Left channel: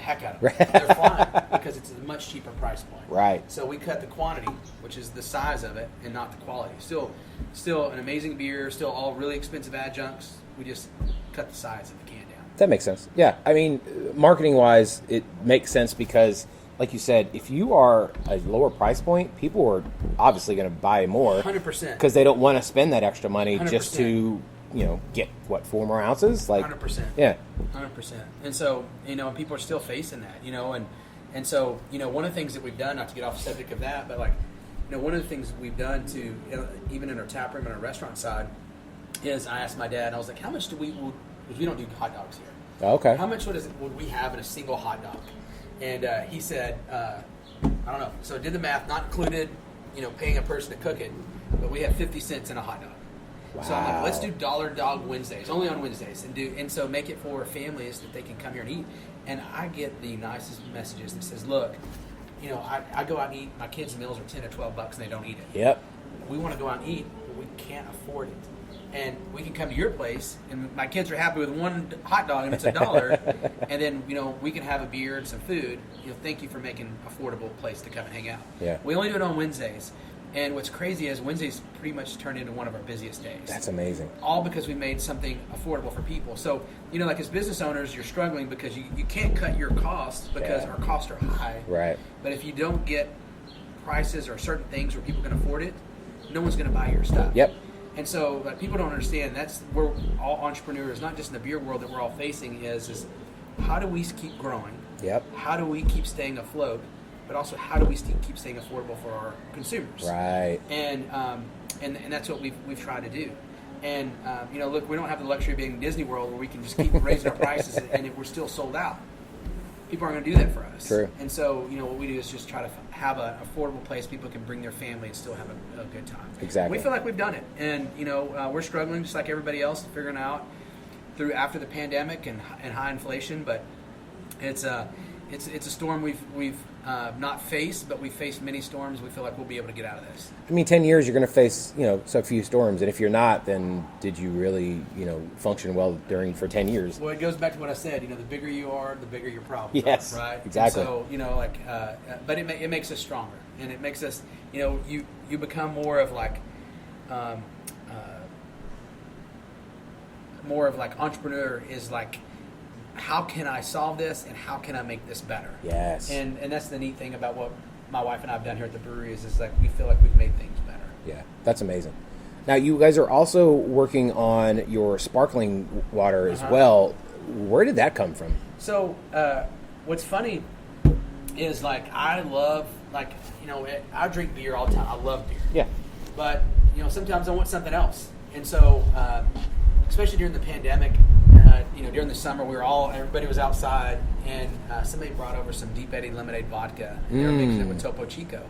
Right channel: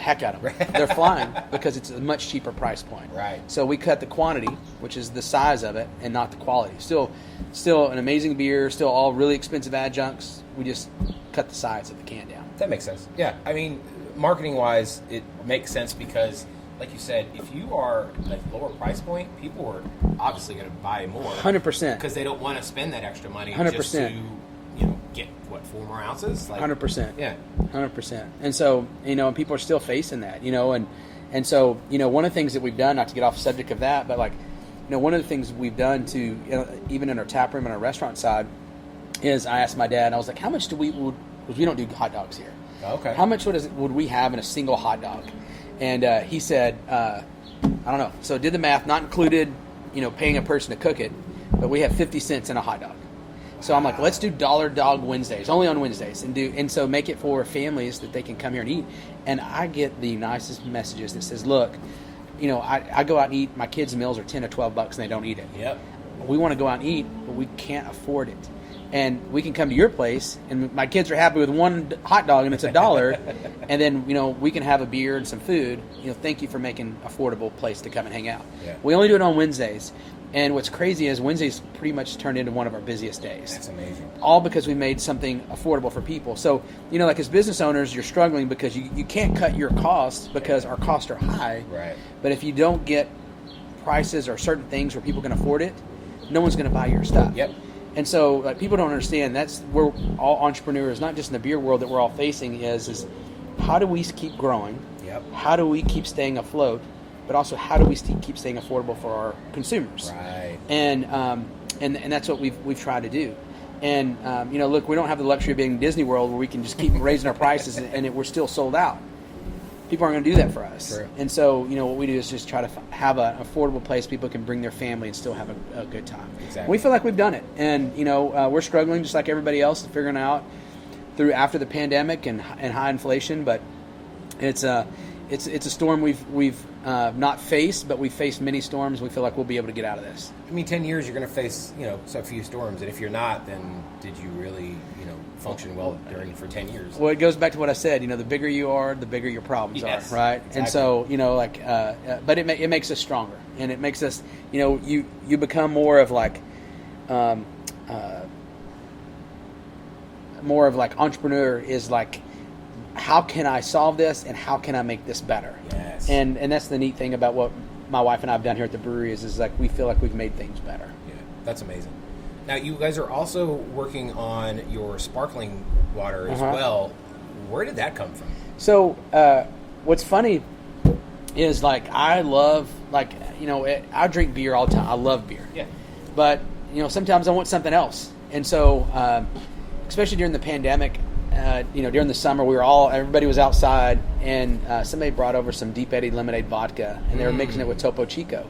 the heck out of them. They're flying because it's a much cheaper price point. Right. So we cut the quantity, which is the size of it, and not the quality. Still an amazing beer, still all really expensive adjuncts. We just cut the size of the can down. That makes sense. Yeah. I mean, marketing-wise, it makes sense because, like you said, if you are a lower price point, people are obviously going to buy more. 100%. Because they don't want to spend that extra money 100%. just to, get, 4 more ounces? 100%. Yeah. 100%. And so, and people are still facing that, and so, one of the things that we've done, not to get off the subject of that, but one of the things we've done to, even in our tap room and our restaurant side, is I asked my dad, I was like, how much because we don't do hot dogs here. Okay. How much would we have in a single hot dog? And he said, I don't know. So did the math, not included, paying a person to cook it, but we have 50 cents in a hot dog. Wow. So I'm like, let's do Dollar Dog Wednesdays, only on Wednesdays, and so make it for families that they can come here and eat. And I get the nicest messages that says, look, I go out and eat, my kids' meals are $10 or $12 and they don't eat it. Yep. We want to go out and eat, but we can't afford it. And we can come to your place, and my kids are happy with one hot dog, and it's $1. And then, we can have a beer and some food. Thank you for making an affordable place to come and hang out. Yeah. We only do it on Wednesdays. And what's crazy is Wednesdays pretty much turned into one of our busiest days. That's amazing. All because we made something affordable for people. So, as business owners, you're struggling because you can't cut your costs because our costs are high. Right. But if you don't get prices or certain things where people can afford it, no one's going to buy your stuff. Yep. And so, people don't understand that's where all entrepreneurs, not just in the beer world that we're all facing, is how do we keep growing? Yep. How do we keep staying afloat? But also, how do we keep staying affordable for our consumers? Right. And that's what we've tried to do. And look, we don't have the luxury of being Disney World where we can just keep raising our prices and we're still sold out. People aren't going to do that for us. True. And so, what we do is just try to have an affordable place people can bring their family and still have a good time. Exactly. We feel like we've done it. And, we're struggling just like everybody else figuring out through after the pandemic and high inflation. But it's a storm we've not faced, but we've faced many storms. We feel like we'll be able to get out of this. 10 years you're going to face, so few storms. And if you're not, then did you really, function well for 10 years? Well, it goes back to what I said. The bigger you are, the bigger your problems yes, are, right? Exactly. And so, but it makes us stronger. And it makes us, you become more of entrepreneur is like, how can I solve this and how can I make this better? Yes. And that's the neat thing about what my wife and I have done here at the brewery is like we feel like we've made things better. Yeah, that's amazing. Now, you guys are also working on your sparkling water as well. Where did that come from? So, what's funny is I love I drink beer all the time. I love beer. Yeah. But sometimes I want something else, and so especially during the pandemic. During the summer, everybody was outside, and somebody brought over some Deep Eddy lemonade vodka, and they were mixing it with Topo Chico,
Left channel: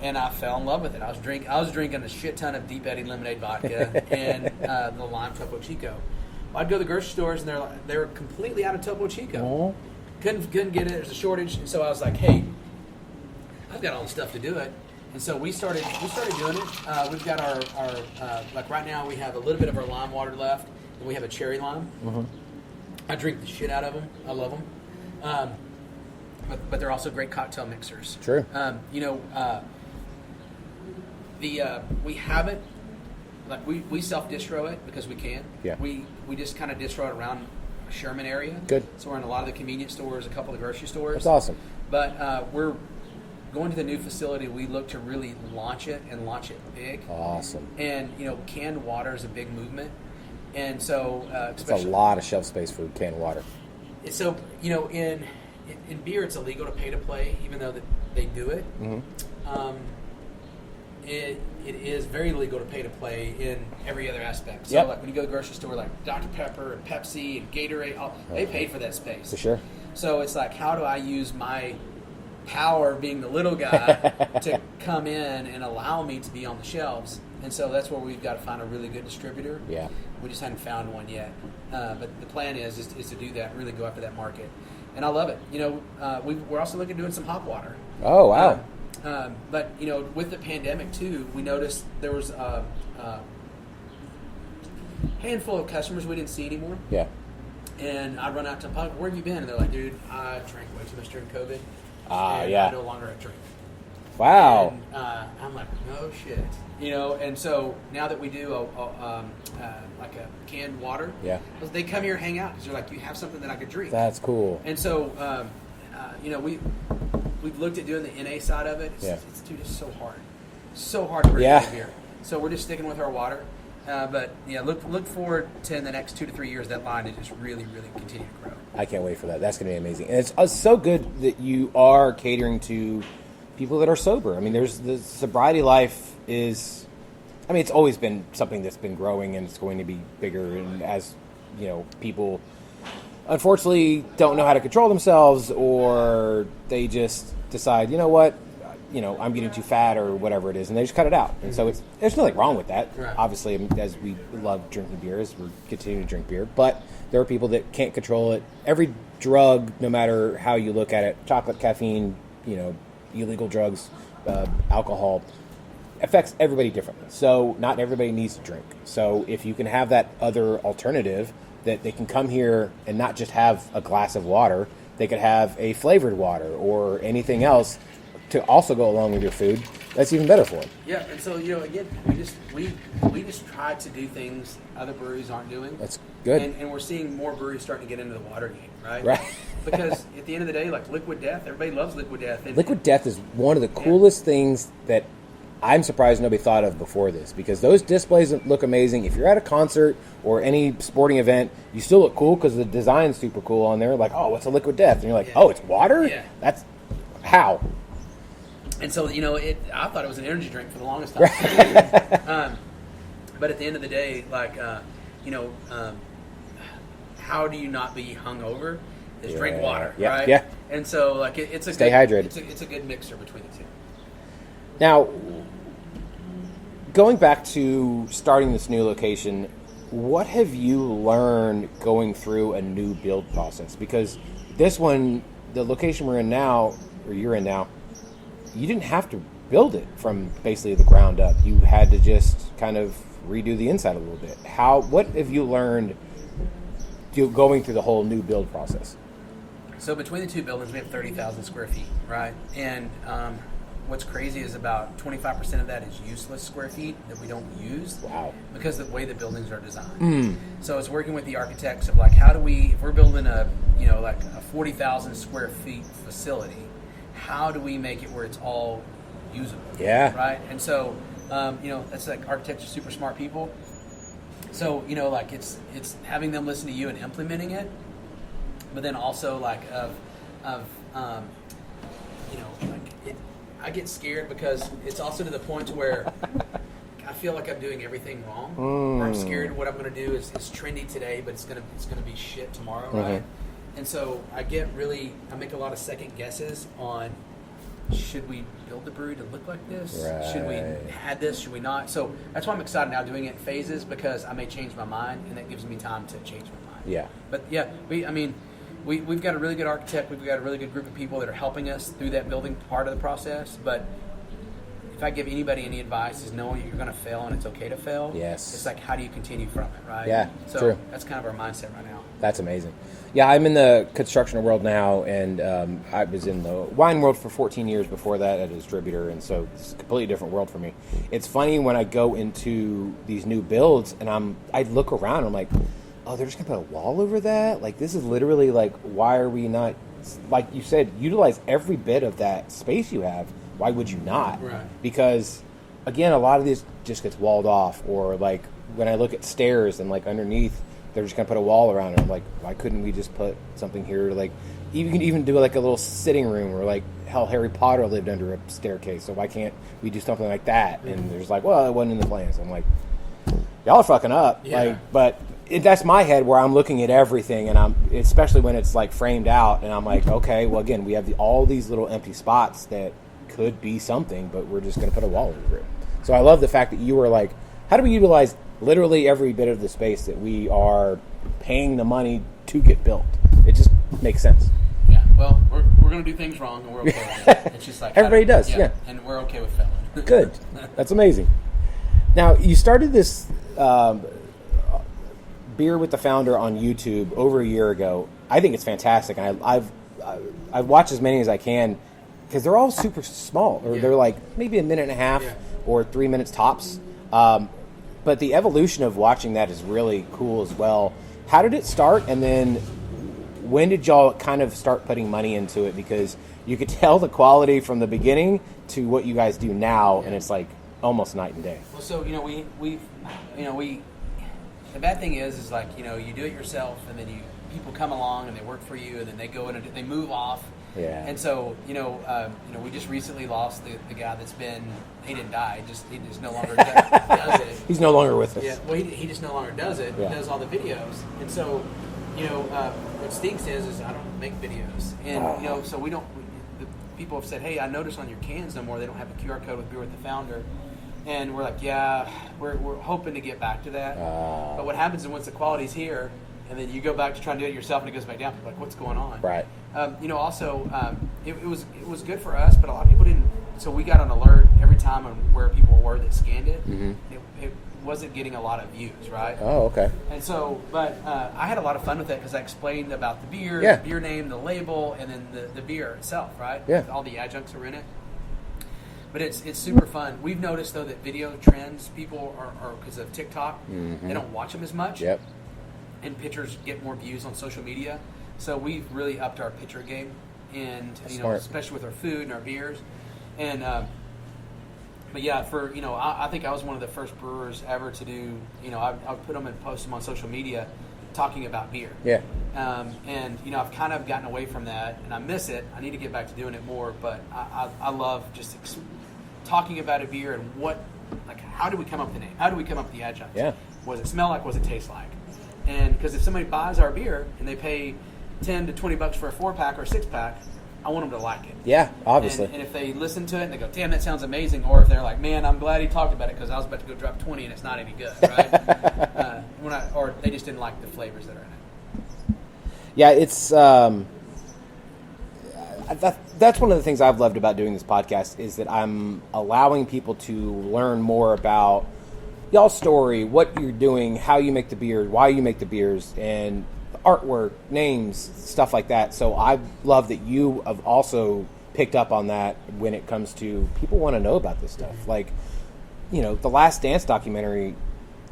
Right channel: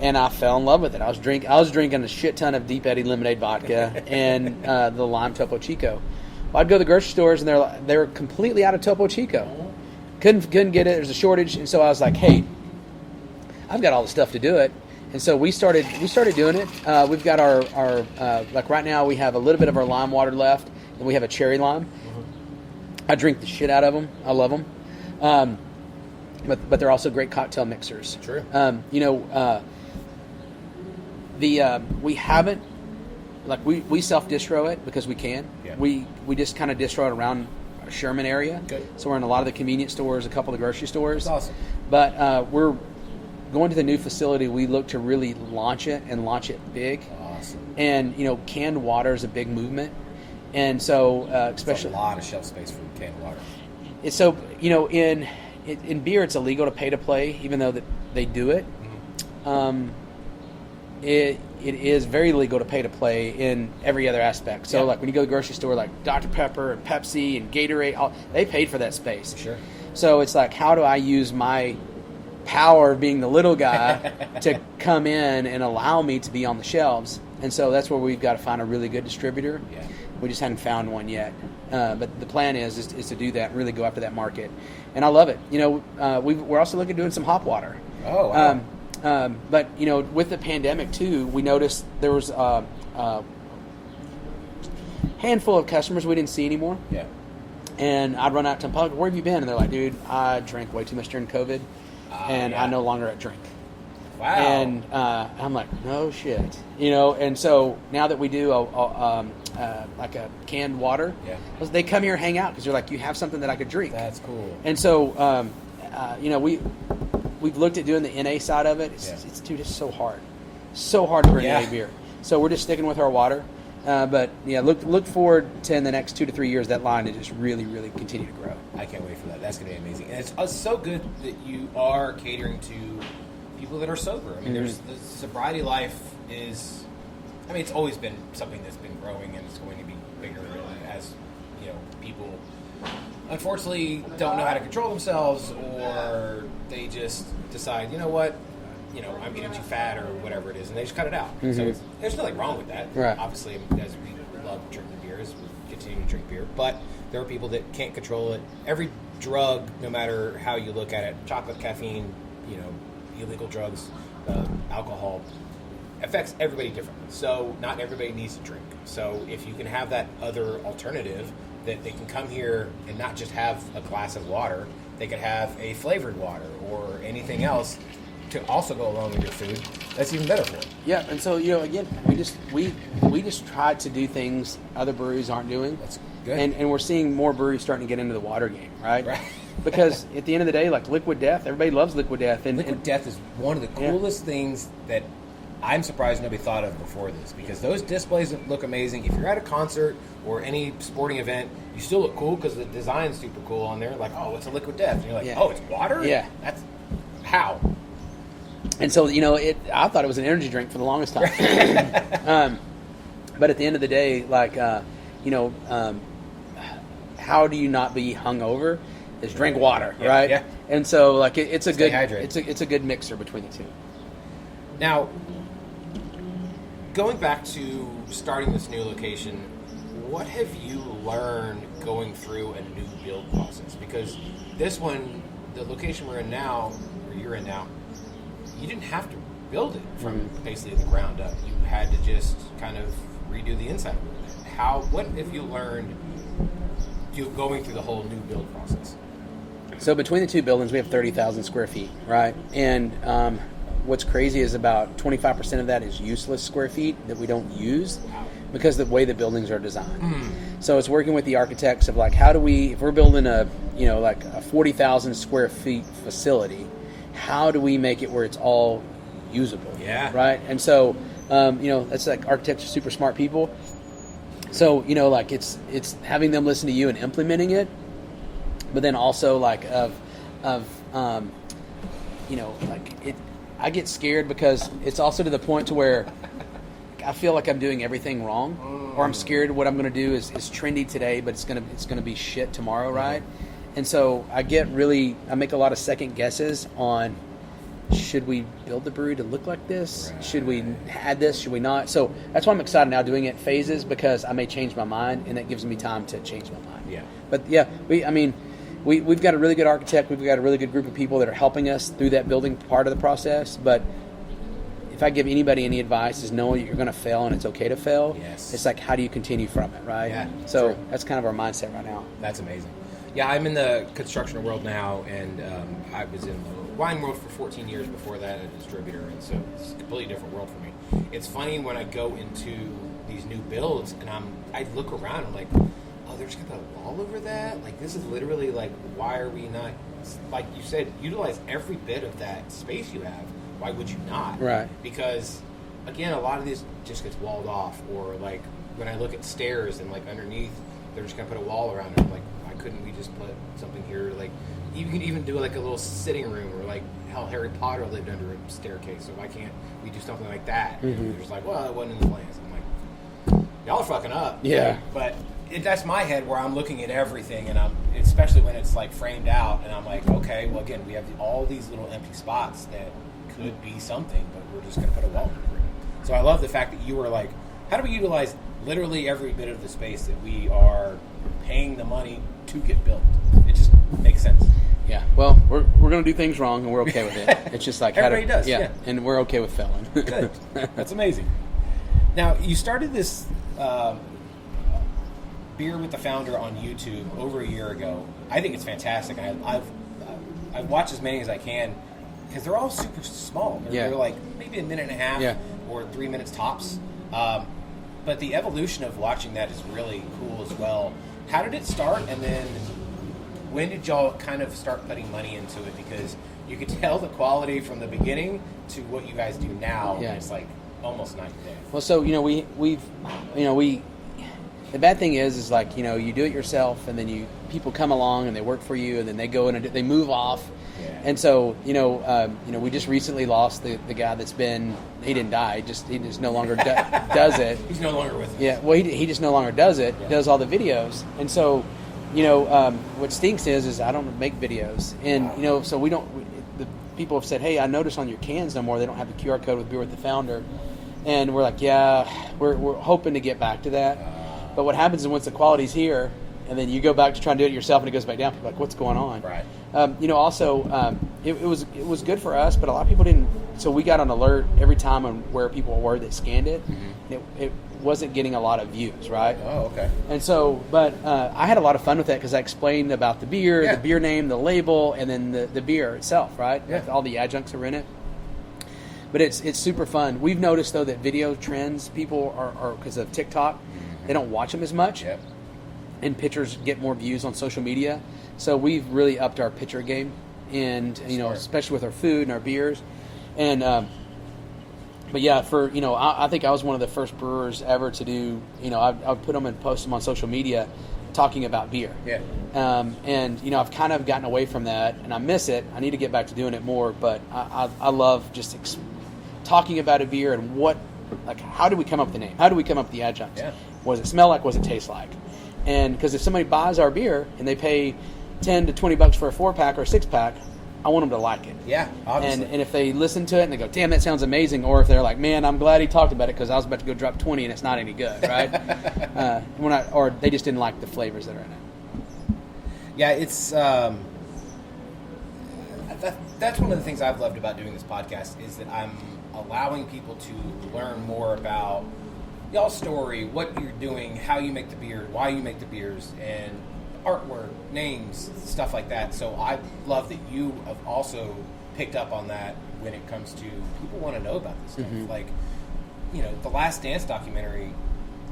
and I fell in love with it. I was drinking a shit ton of Deep Eddy lemonade vodka and the lime Topo Chico. Well, I'd go to the grocery stores, and they were completely out of Topo Chico. Couldn't get it. There's a shortage, and so I was like, hey, I've got all the stuff to do it. And so we started doing it. We've got our right now we have a little bit of our lime water left. And we have a cherry lime. Mm-hmm. I drink the shit out of them. I love them. But they're also great cocktail mixers. True. We haven't we self distro it because we can. Yeah. We just kind of distro it around Sherman area. Good. So we're in a lot of the convenience stores, a couple of the grocery stores. That's awesome. But we're going to the new facility. We look to really launch it big. Awesome. And canned water is a big movement. And so, especially it's a lot of shelf space for canned water. So, in beer, it's illegal to pay to play, even though that they do it. Mm-hmm. It is very legal to pay to play in every other aspect. So, when you go to the grocery store, like Dr. Pepper and Pepsi and Gatorade, they paid for that space. For sure. So it's like, how do I use my power of being the little guy to come in and allow me to be on the shelves? And so that's where we've got to find a really good distributor. Yeah. We just hadn't found one yet. But the plan is to do that, really go after that market. And I love it. We're also looking at doing some hop water. Oh, wow. But, with the pandemic, too, we noticed there was a handful of customers we didn't see anymore. Yeah. And I'd run out to them, "Pug, where have you been?" And they're like, "Dude, I drank way too much during COVID, and I no longer drink." Wow. And I'm like, "No shit," And so now that we do like a canned water, they come here and hang out because they're like, "You have something that I could drink." That's cool. And so we've looked at doing the NA side of it. It's so hard to bring in beer. So we're just sticking with our water. But look forward to in the next 2 to 3 years that line to just really, really continue to grow. I can't wait for that. That's going to be amazing. And it's so good that you are catering to people that are sober. I mean, there's the sobriety life is. I mean, it's always been something that's been growing, and it's going to be bigger. And as people unfortunately don't know how to control themselves, or they just decide, you know what. I'm getting too fat or whatever it is, and they just cut it out. And so there's nothing wrong with that. Right. Obviously, as we love drinking beers, we continue to drink beer. But there are people that can't control it. Every drug, no matter how you look at it, chocolate, caffeine, illegal drugs, alcohol, affects everybody differently. So not everybody needs to drink. So if you can have that other alternative, that they can come here and not just have a glass of water, they could have a flavored water or anything else to also go along with your food, that's even better for them. Yeah, and so again, we just try to do things other breweries aren't doing. That's good, and we're seeing more breweries starting to get into the water game, right? Right. Because at the end of the day, like Liquid Death, everybody loves Liquid Death. And Liquid Death is one of the coolest things that I'm surprised nobody thought of before this, because those displays look amazing. If you're at a concert or any sporting event, you still look cool because the design's super cool on there. Like, oh, it's a Liquid Death, and you're like, oh, it's water? Yeah, that's how. And so, I thought it was an energy drink for the longest time. But at the end of the day, how do you not be hungover? Is drink water, right? Yeah. And so, it's a Stay good hydrated. It's a good mixer between the two. Now, going back to starting this new location, what have you learned going through a new build process? Because this one, the location we're in now, or you're in now, you didn't have to build it from basically the ground up. You had to just kind of redo the inside a little bit. What have you learned going through the whole new build process? So between the two buildings, we have 30,000 square feet, right? And what's crazy is about 25% of that is useless square feet that we don't use. Wow. Because of the way the buildings are designed. So it's working with the architects of how do we, if we're building a 40,000 square feet facility, how do we make it where it's all usable? Yeah. Right? And so, it's architects are super smart people. So, it's having them listen to you and implementing it, but then also I get scared because it's also to the point to where I feel like I'm doing everything wrong, or I'm scared what I'm going to do is trendy today, but it's going to be shit tomorrow, right? And so I make a lot of second guesses on, should we build the brewery to look like this? Right. Should we add this? Should we not? So that's why I'm excited now doing it in phases, because I may change my mind, and that gives me time to change my mind. Yeah. But yeah, we've got a really good architect. We've got a really good group of people that are helping us through that building part of the process. But if I give anybody any advice, is know you're going to fail and it's okay to fail. Yes. It's how do you continue from it, right? Yeah. So true. That's kind of our mindset right now. That's amazing. Yeah, I'm in the construction world now, and I was in the wine world for 14 years before that as a distributor, and so it's a completely different world for me. It's funny when I go into these new builds, and I look around, I'm like, oh, they're just going to put a wall over that? This is literally why are we not, like you said, utilize every bit of that space you have. Why would you not? Right. Because, again, a lot of this just gets walled off, or when I look at stairs and underneath, they're just going to put a wall around it. I'm like, why couldn't we just put something here? You can even do a little sitting room, or hell, Harry Potter lived under a staircase, so why can't we do something like that? Mm-hmm. And there's well, it wasn't in the plans. I'm like, y'all are fucking up. Yeah. But that's my head where I'm looking at everything, and especially when it's framed out, and I'm like, okay, well, again, we have all these little empty spots that could be something, but we're just going to put a wall over it. So I love the fact that you were like, how do we utilize literally every bit of the space that we are paying the money to get built? It just makes sense. Yeah. Well, we're going to do things wrong, and we're okay with it. It's just everybody does. Yeah. And we're okay with failing. Good. That's amazing. Now, you started this Beer with the Founder on YouTube over a year ago. I think it's fantastic. I've watched as many as I can because they're all super small. They're like maybe a minute and a half or 3 minutes tops. But the evolution of watching that is really cool as well. How did it start, and then when did y'all kind of start putting money into it? Because you could tell the quality from the beginning to what you guys do now, and it's like almost night and day. Well, so we the bad thing is like you do it yourself, and then people come along and they work for you, and then they go in and they move off. Yeah. And so we just recently lost the guy that's been, he didn't die, he just no longer does it. He's no longer with us. Yeah. Well, he just no longer does it. Yeah. Does all the videos, and so what stinks is I don't make videos, and so we don't. The people have said, hey, I noticed on your cans no more they don't have the QR code with Beer with the Founder. And we're like, we're hoping to get back to that. But what happens is once the quality's here, and then you go back to try and do it yourself, and it goes back down. Like, what's going on? Right. It was good for us, but a lot of people didn't. So we got an alert every time on where people were that scanned it. Mm-hmm. It wasn't getting a lot of views, right? Oh, okay. And so, but I had a lot of fun with that because I explained about the beer, the beer name, the label, and then the beer itself, right? Yeah. All the adjuncts are in it. But it's super fun. We've noticed, though, that video trends, people are because of TikTok, they don't watch them as much. Yep. And pictures get more views on social media. So we've really upped our picture game, and especially with our food and our beers. And but yeah, I think I was one of the first brewers ever to do. I've put them and post them on social media, talking about beer. Yeah. And I've kind of gotten away from that, and I miss it. I need to get back to doing it more. But I love just talking about a beer and how do we come up with the name? How do we come up with the adjuncts? Yeah. What does it smell like? What does it taste like? And because if somebody buys our beer and they pay $10 to $20 for a 4-pack or a 6-pack, I want them to like it. Yeah, obviously. And if they listen to it and they go, damn, that sounds amazing, or if they're like, man, I'm glad he talked about it because I was about to go drop 20 and it's not any good, right? Or they just didn't like the flavors that are in it. Yeah, it's that's one of the things I've loved about doing this podcast is that I'm allowing people to learn more about y'all's story, what you're doing, how you make the beer, why you make the beers, and artwork, names, stuff like that. So I love that you have also picked up on that when it comes to people want to know about this stuff. Mm-hmm. Like, the Last Dance documentary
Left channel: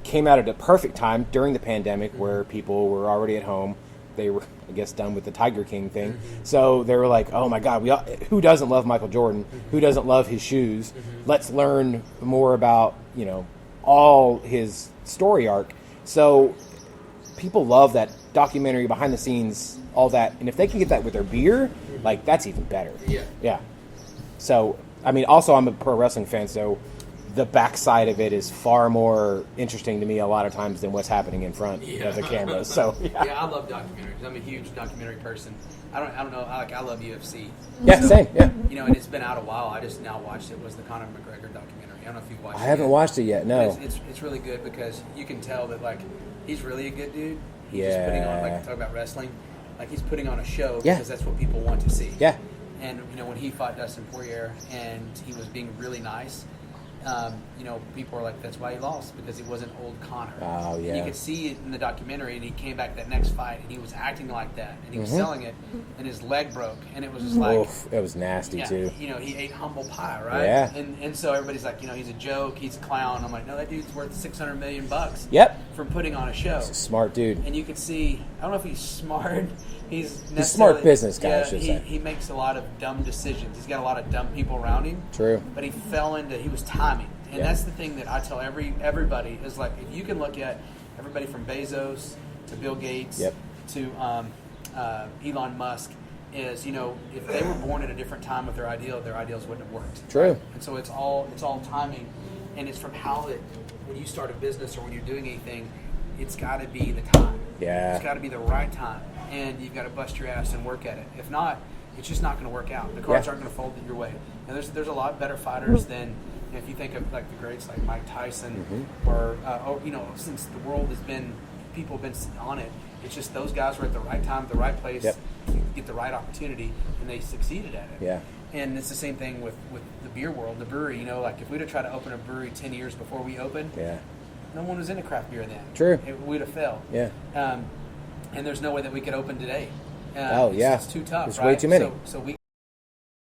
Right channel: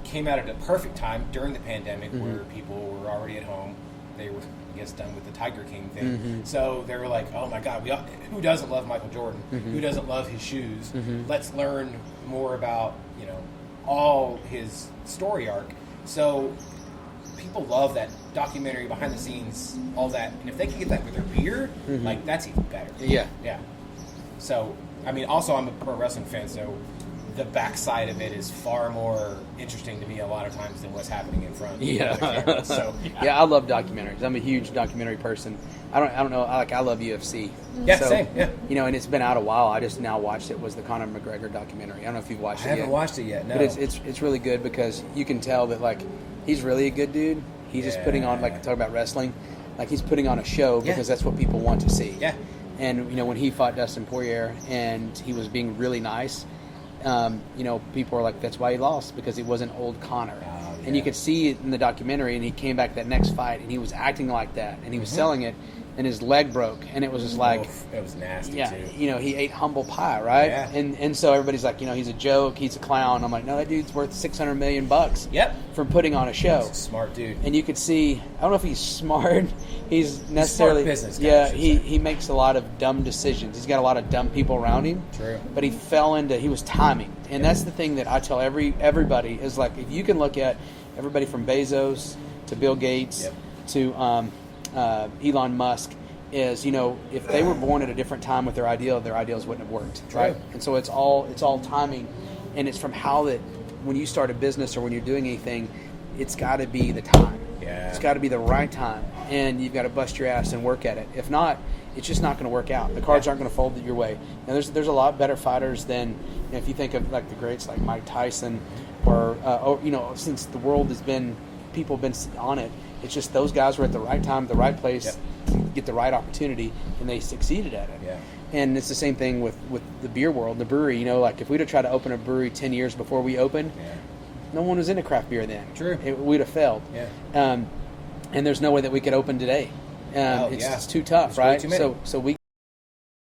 came out at a perfect time during the pandemic where people were already at home. They were, I guess, done with the Tiger King thing. Mm-hmm. So they were like, oh my God, who doesn't love Michael Jordan? Mm-hmm. Who doesn't love his shoes? Mm-hmm. Let's learn more about, all his story arc. So people love that documentary, behind the scenes, all that. And if they can get that with their beer, that's even better. Yeah. Yeah. So, also I'm a pro wrestling fan, so the backside of it is far more interesting to me a lot of times than what's happening in front of the camera. So yeah, I love documentaries. I'm a huge documentary person. I don't know. I love UFC. Yeah, so, same. Yeah. And it's been out a while. I just now watched it. Was the Conor McGregor documentary? I don't know if you've watched it. I haven't watched it yet. No. But it's really good because you can tell that he's really a good dude. He's just putting on talk about wrestling. He's putting on a show because that's what people want to see. Yeah. And when he fought Dustin Poirier and he was being really nice. People are like, that's why he lost, because he wasn't old Connor. Oh, yeah. And you could see it in the documentary, and he came back that next fight, and he was acting like that, and he was selling it, and his leg broke, and it was just like... Oof, it was nasty, too. He ate humble pie, right? Yeah. And so everybody's like, he's a joke, he's a clown. I'm like, no, that dude's worth $600 million Yep. from putting on a show. He's a smart dude. And you could see, I don't know if he's smart. He's smart business guy, I should say. He makes a lot of dumb decisions. He's got a lot of dumb people around him. True. But he was timing. And that's the thing that I tell everybody is like, if you can look at everybody from Bezos to Bill Gates to Elon Musk, is if they were born at a different time with their ideals wouldn't have worked. True. Right? And so it's all timing, and it's from how that when you start a business or when you're doing anything, it's got to be the time. Yeah. It's got to be the right time, and you've got to bust your ass and work at it. If not, it's just not going to work out. The cards aren't going to fold your way. Now, there's a lot better fighters than if you think of the greats like Mike Tyson, or since the world has been, people have been on it. It's just those guys were at the right time, the right place, to get the right opportunity, and they succeeded at it. Yeah. And it's the same thing with the beer world, the brewery. If we'd have tried to open a brewery 10 years before we opened, no one was into craft beer then. True. We'd have failed. Yeah. And there's no way that we could open today. Oh, It's yeah. too tough, There's right? way too many. So we